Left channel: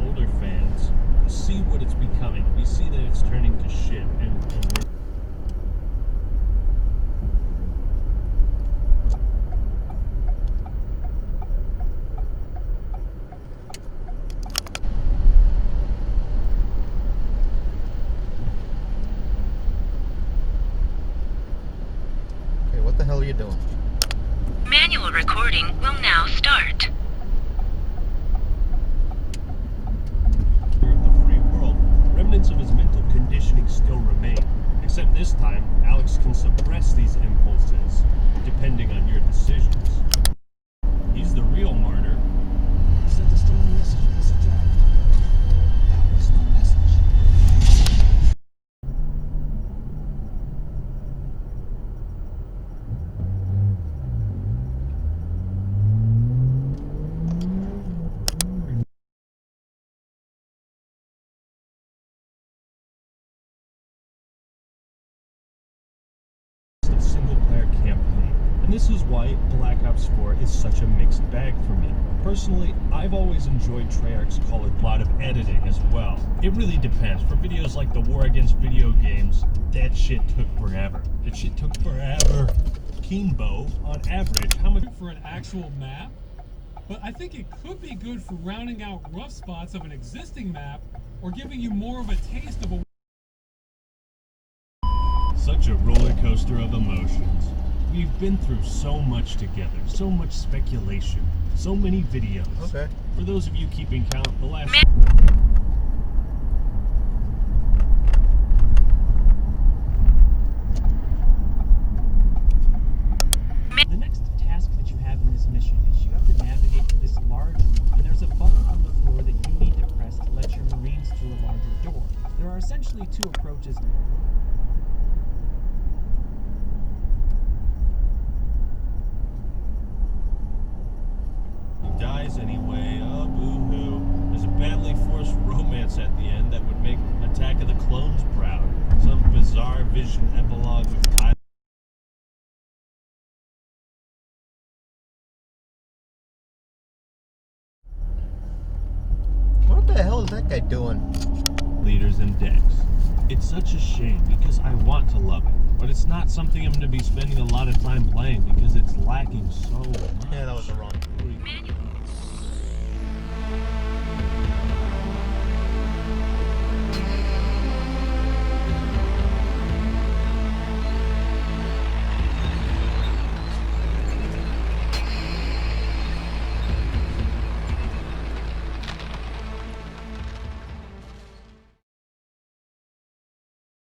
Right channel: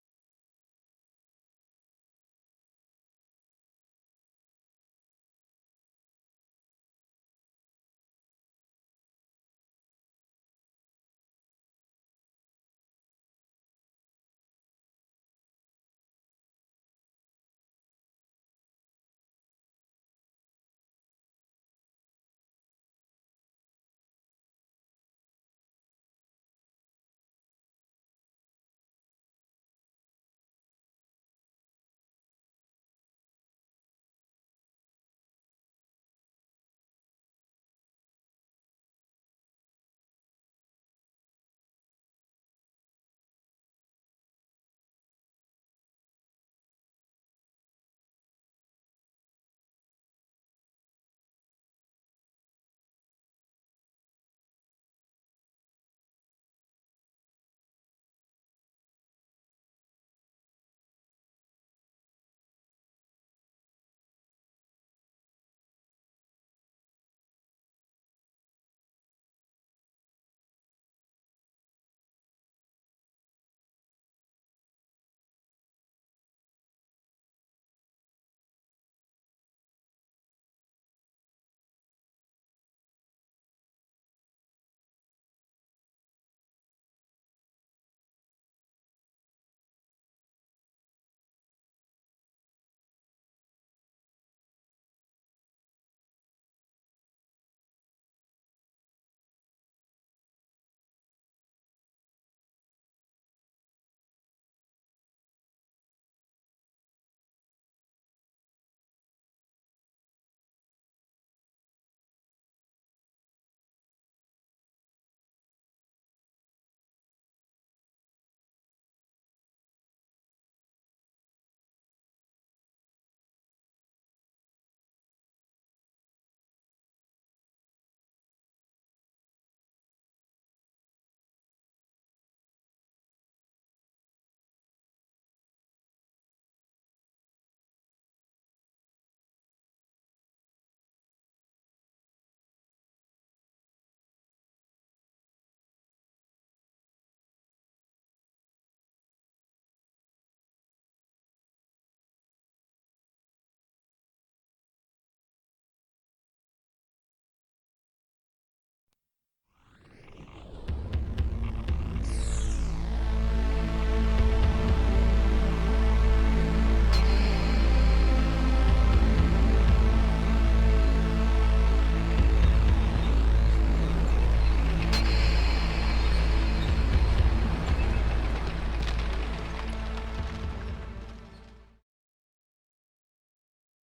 Older fans see what it's becoming. We see that it's turning to shit, and Okay, what the hell are you doing? Manual recording will now start. remnants of his mental conditioning still remain, except this time, Alex can suppress these impulses, depending on your decisions. He's the real martyr. He said the stolen message was attacked. That was the message. Single-player campaign, and this is why Black Ops 4 is such a mixed bag for me. Personally, I've always enjoyed Treyarch's Call of Duty. A lot of editing as well. It really depends. For videos like the War Against Video Games, that shit took forever. That shit took forever. Kimbo, on average, how much for an actual map? But I think it could be good for rounding out rough spots of an existing map, or giving you more of a taste of a... Such a roller coaster of emotions. We've been through so much together, so much speculation, so many videos. Okay. For those of you keeping count, the last... The next task that you have in this mission is you have to navigate through this large room, and there's a button on the floor that you need to press to let your Marines through a larger door. There are essentially two approaches. Dies anyway, oh boo-hoo. There's a badly forced romance at the end that would make Attack of the Clones proud. Some bizarre vision epilogue with Kyle. What the hell is that guy doing? Leaders and decks. It's such a shame because I want to love it, but it's not something I'm going to be spending a lot of time playing because it's lacking so